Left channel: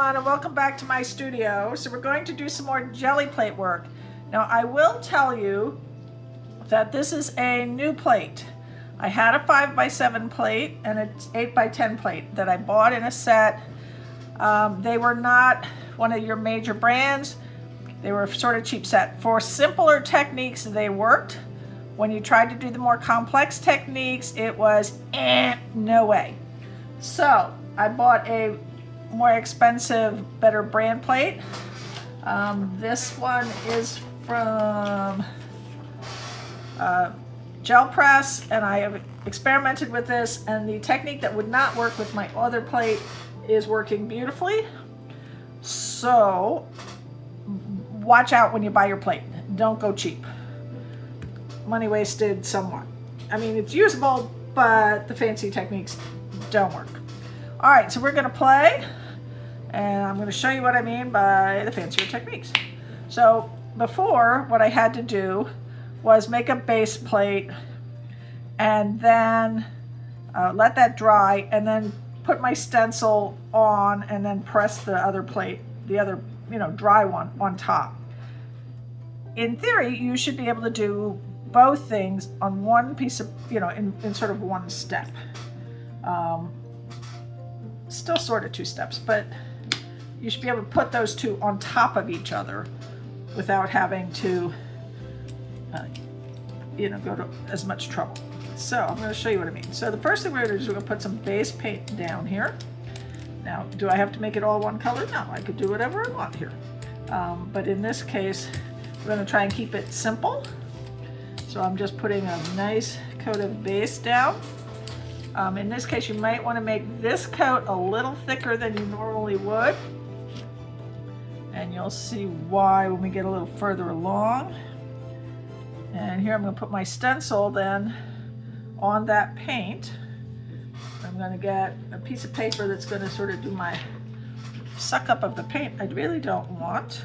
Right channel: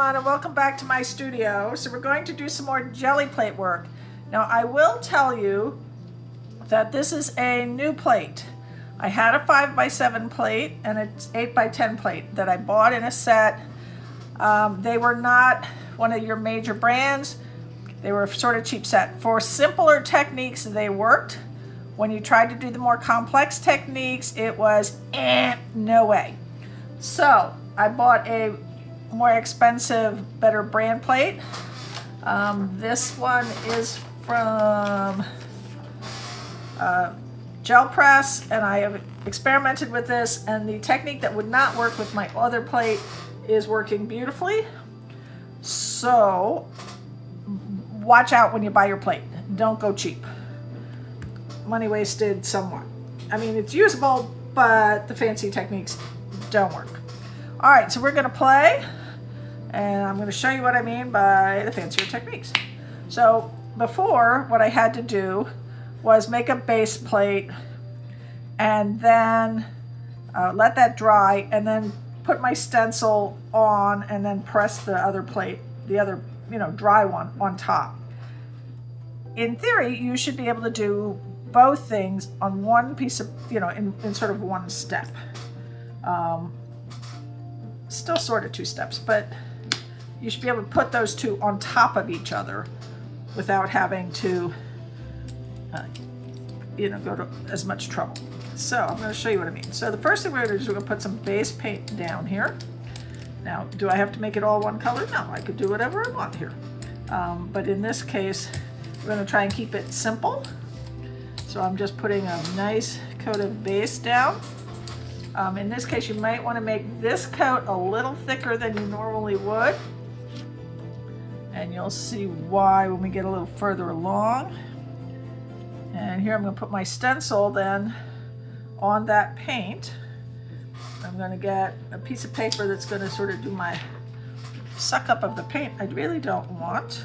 everyone, and welcome back to my studio. So we're going to do some more jelly plate work. Now I will tell you that this is a new plate. I had a 5x7 plate and it's 8x10 plate that I bought in a set. They were not one of your major brands. They were sort of cheap set. For simpler techniques, they worked. When you tried to do the more complex techniques, it was no way. So I bought a more expensive, better brand plate. This one is from Gel Press, and I have experimented with this, and the technique that would not work with my other plate is working beautifully. So watch out when you buy your plate. Don't go cheap. Money wasted somewhat. I mean, it's usable, but the fancy techniques don't work. All right, so we're gonna play, and I'm gonna show you what I mean by the fancier techniques. So before, what I had to do was make a base plate and then let that dry, and then put my stencil on and then press the other plate, the other, dry one on top. In theory, you should be able to do both things on one piece of, in sort of one step. Still sort of two steps, but you should be able to put those two on top of each other without having to, go to as much trouble. So I'm going to show you what I mean. So the first thing we're going to do is we're going to put some base paint down here. Now, do I have to make it all one color? No, I could do whatever I want here. But in this case, we're going to try and keep it simple. So I'm just putting a nice coat of base down. In this case, you might want to make this coat a little thicker than you normally would. And you'll see why when we get a little further along. And here I'm going to put my stencil then on that paint. I'm going to get a piece of paper that's going to sort of do my suck up of the paint I really don't want.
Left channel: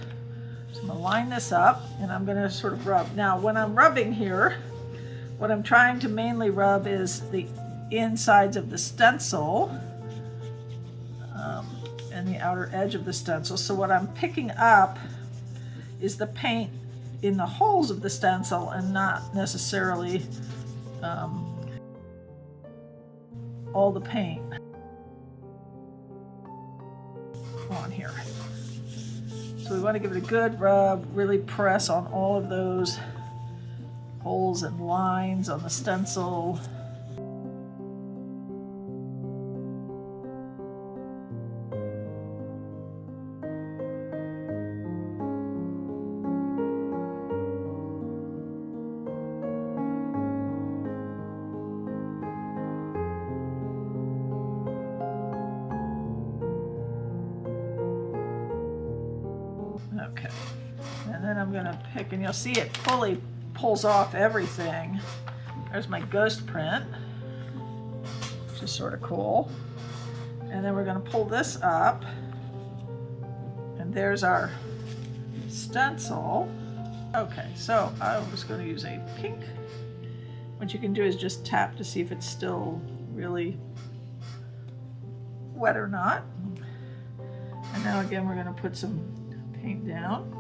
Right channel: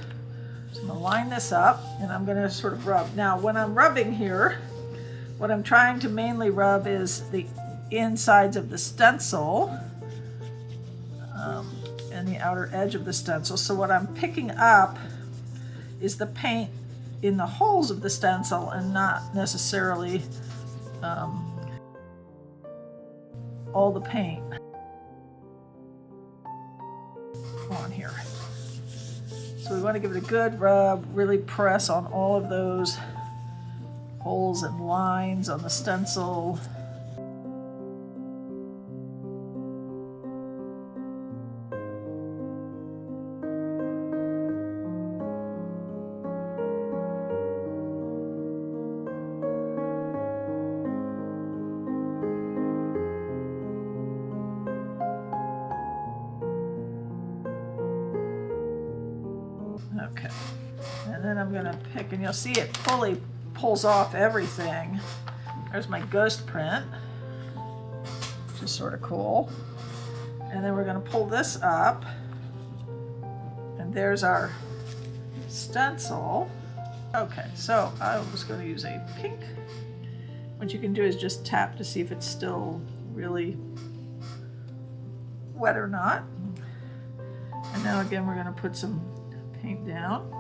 So I'm going to line this up and I'm going to sort of rub. Now when I'm rubbing here, what I'm trying to mainly rub is the insides of the stencil and the outer edge of the stencil. So what I'm picking up is the paint in the holes of the stencil and not necessarily all the paint on here. So we want to give it a good rub, really press on all of those holes and lines on the stencil. Okay, and then I'm gonna pick, and you'll see it fully pulls off everything. There's my ghost print, which is sort of cool. And then we're gonna pull this up, and there's our stencil. Okay, so I was gonna use a pink. What you can do is just tap to see if it's still really wet or not. And now again, we're gonna put some paint down.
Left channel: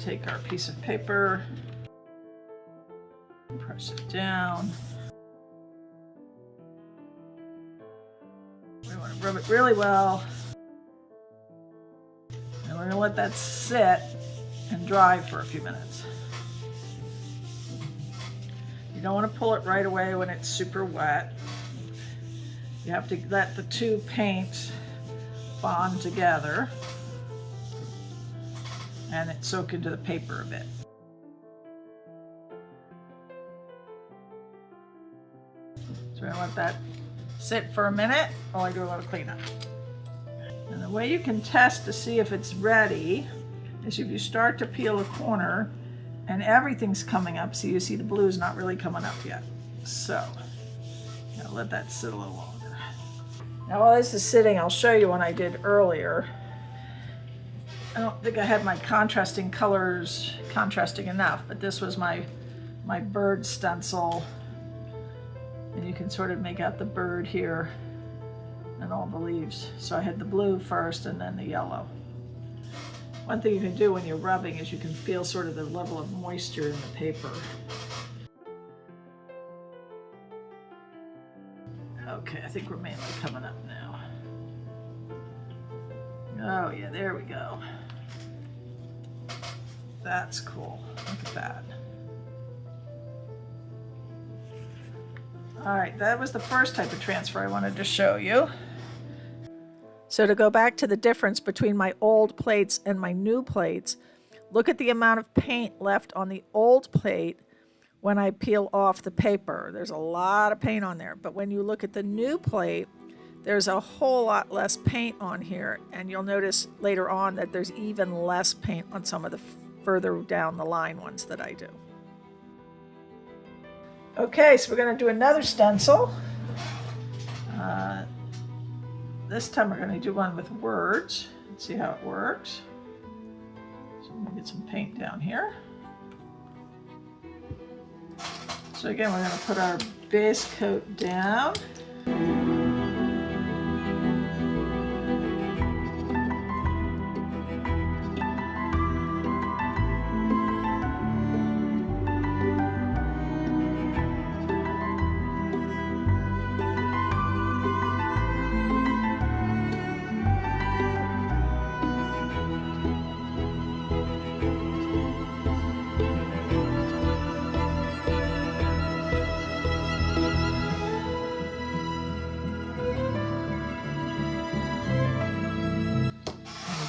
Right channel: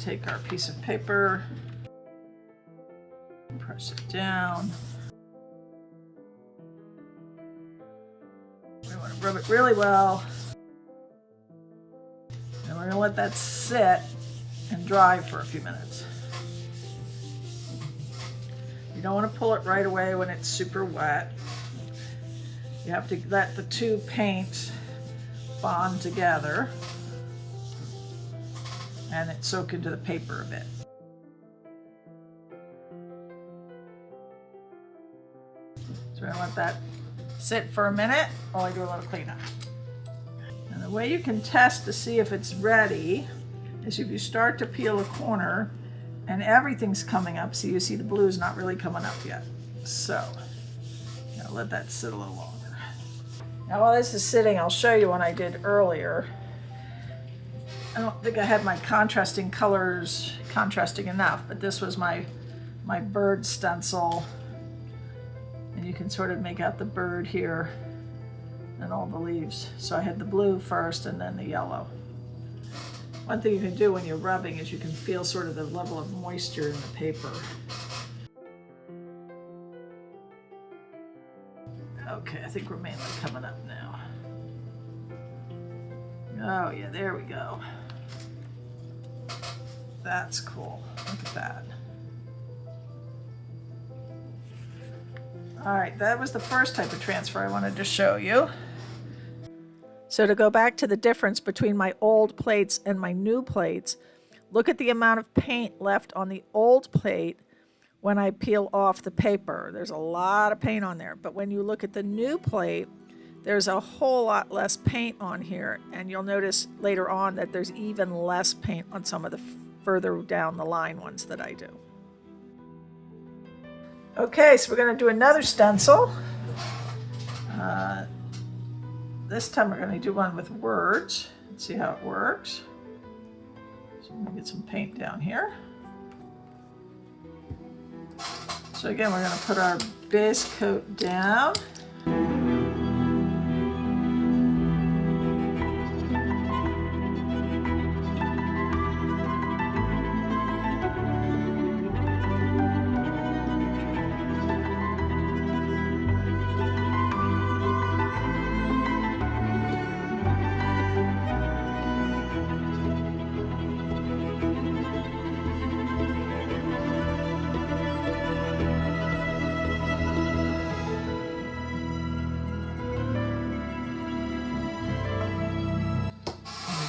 Take our piece of paper, press it down. We want to rub it really well. And we're going to let that sit and dry for a few minutes. don't want to pull it right away when it's super wet. You have to let the two paints bond together and it soak into the paper a bit. So we're gonna let that sit for a minute while I do a little cleanup. And the way you can test to see if it's ready is if you start to peel a corner and everything's coming up, so you see the blue's not really coming up yet. So, let that sit a little longer. Now while this is sitting, I'll show you one I did earlier. I don't think I had my contrasting colors contrasting enough, but this was my bird stencil. And you can sort of make out the bird here and all the leaves. So I had the blue first and then the yellow. One thing you can do when you're rubbing is you can feel sort of the level of moisture in the paper. Okay, I think we're mainly coming up now. Oh yeah, there we go. That's cool. Look at that. All right, that was the first type of transfer I wanted to show you. So to go back to the difference between my old plates and my new plates, look at the amount of paint left on the old plate when I peel off the paper. There's a lot of paint on there, but when you look at the new plate, there's a whole lot less paint on here, and you'll notice later on that there's even less paint on some of the further down the line ones that I do. Okay, so we're going to do another stencil. This time we're going to do one with words. Let's see how it works. So I'm going to get some paint down here. So again, we're going to put our base coat down.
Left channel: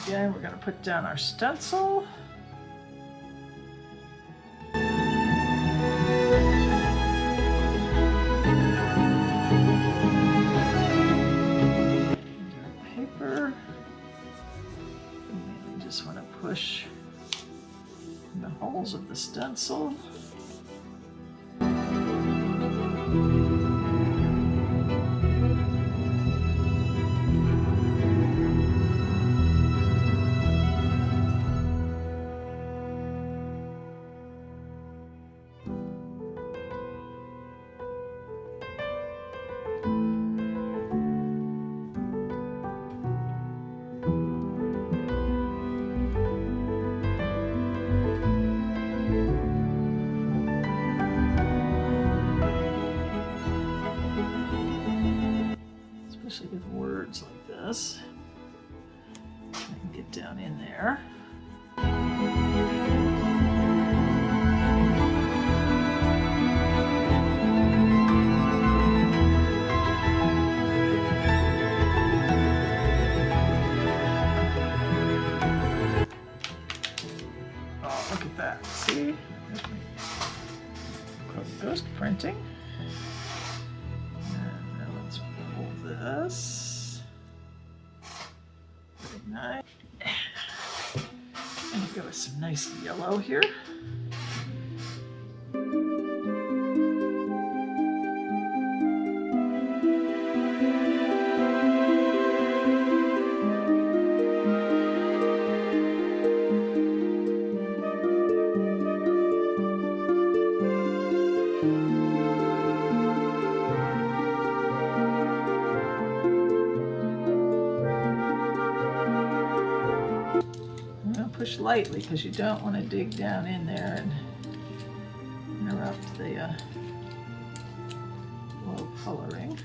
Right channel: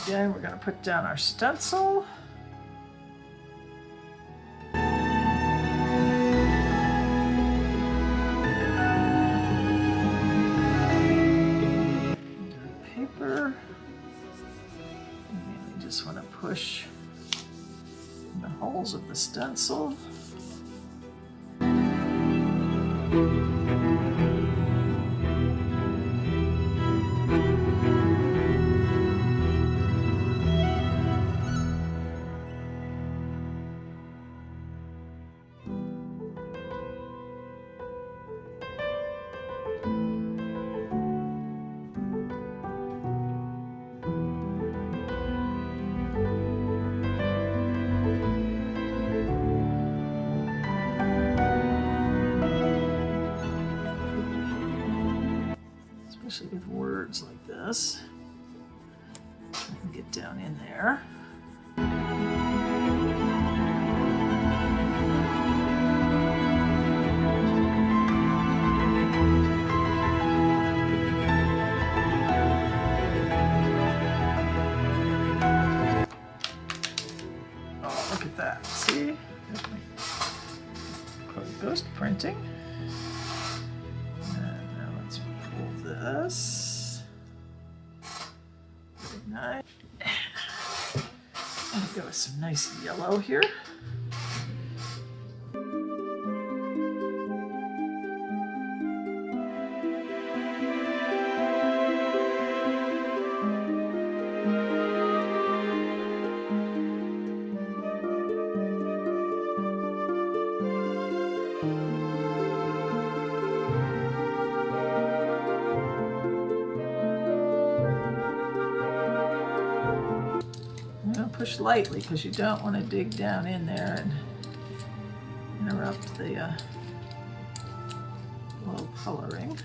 Again, we're going to put down our stencil. Our paper. You mainly just want to push in the holes of the stencil. Especially with words like this. Try and get down in there. Oh, look at that. See? There's my ghost printing. This. Very nice. I'm gonna go with some nice yellow here. Push lightly because you don't want to dig down in there and interrupt the low coloring.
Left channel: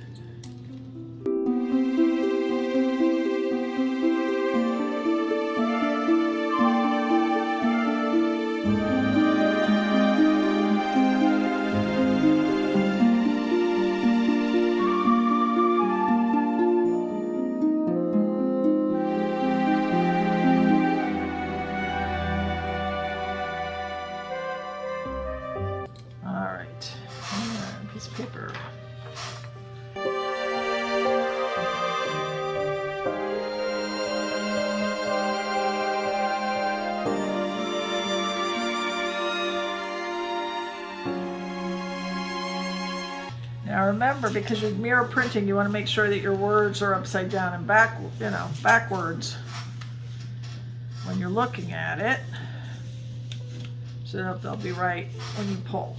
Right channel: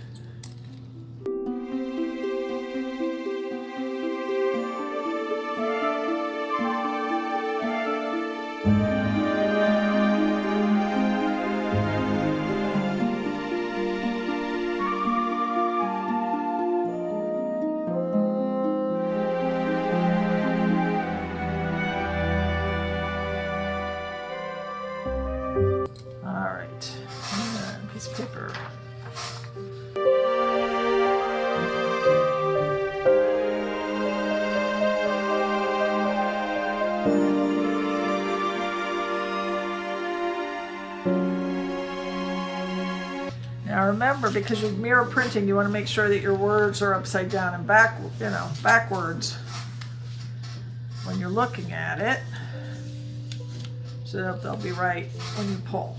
remember, because you're mirror printing, you want to make sure that your words are upside down and backwards when you're looking at it, so that they'll be right when you pull.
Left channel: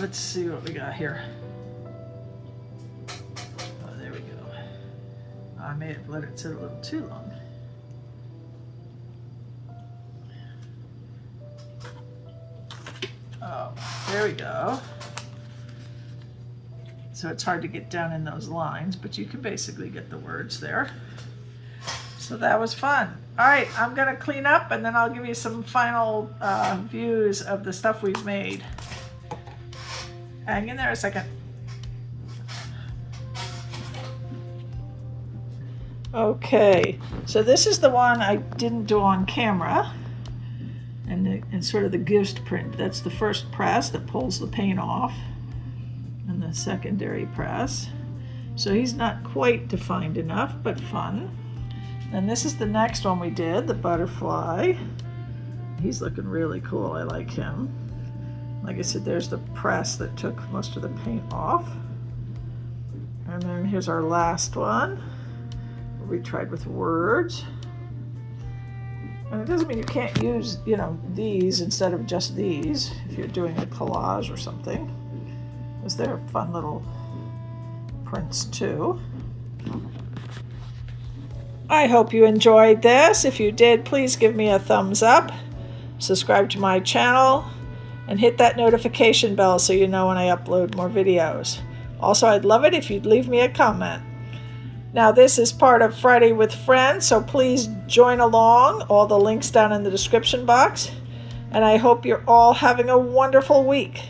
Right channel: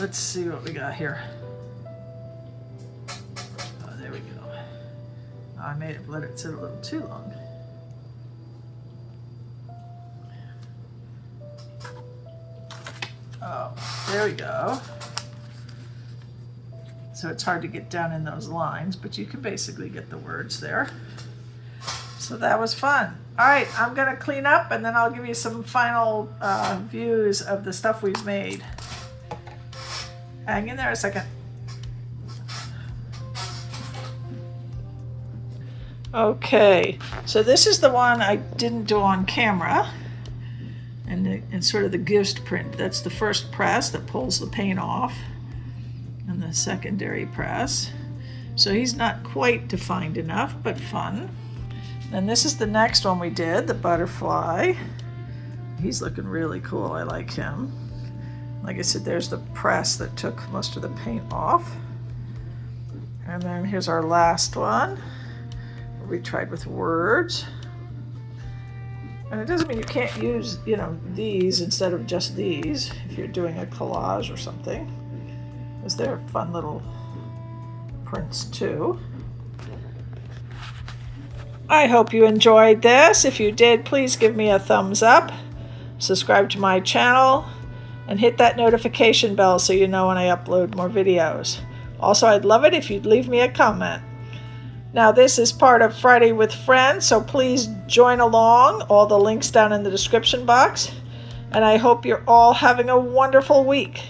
Let's see what we got here. Oh, there we go. I may have let it sit a little too long. Oh, there we go. So it's hard to get down in those lines, but you can basically get the words there. So that was fun. All right, I'm gonna clean up and then I'll give you some final views of the stuff we've made. Hang in there a second. Okay, so this is the one I didn't do on camera, and sort of the ghost print. That's the first press that pulls the paint off, and the secondary press. So he's not quite defined enough, but fun. And this is the next one we did, the butterfly. He's looking really cool. I like him. Like I said, there's the press that took most of the paint off. And then here's our last one, where we tried with words. And it doesn't mean you can't use, these instead of just these if you're doing a collage or something, because they're fun little prints too. I hope you enjoyed this. If you did, please give me a thumbs up, subscribe to my channel, and hit that notification bell so you know when I upload more videos. Also, I'd love it if you'd leave me a comment. Now, this is part of Friday with Friends, so please join along. All the links down in the description box. And I hope you're all having a wonderful week.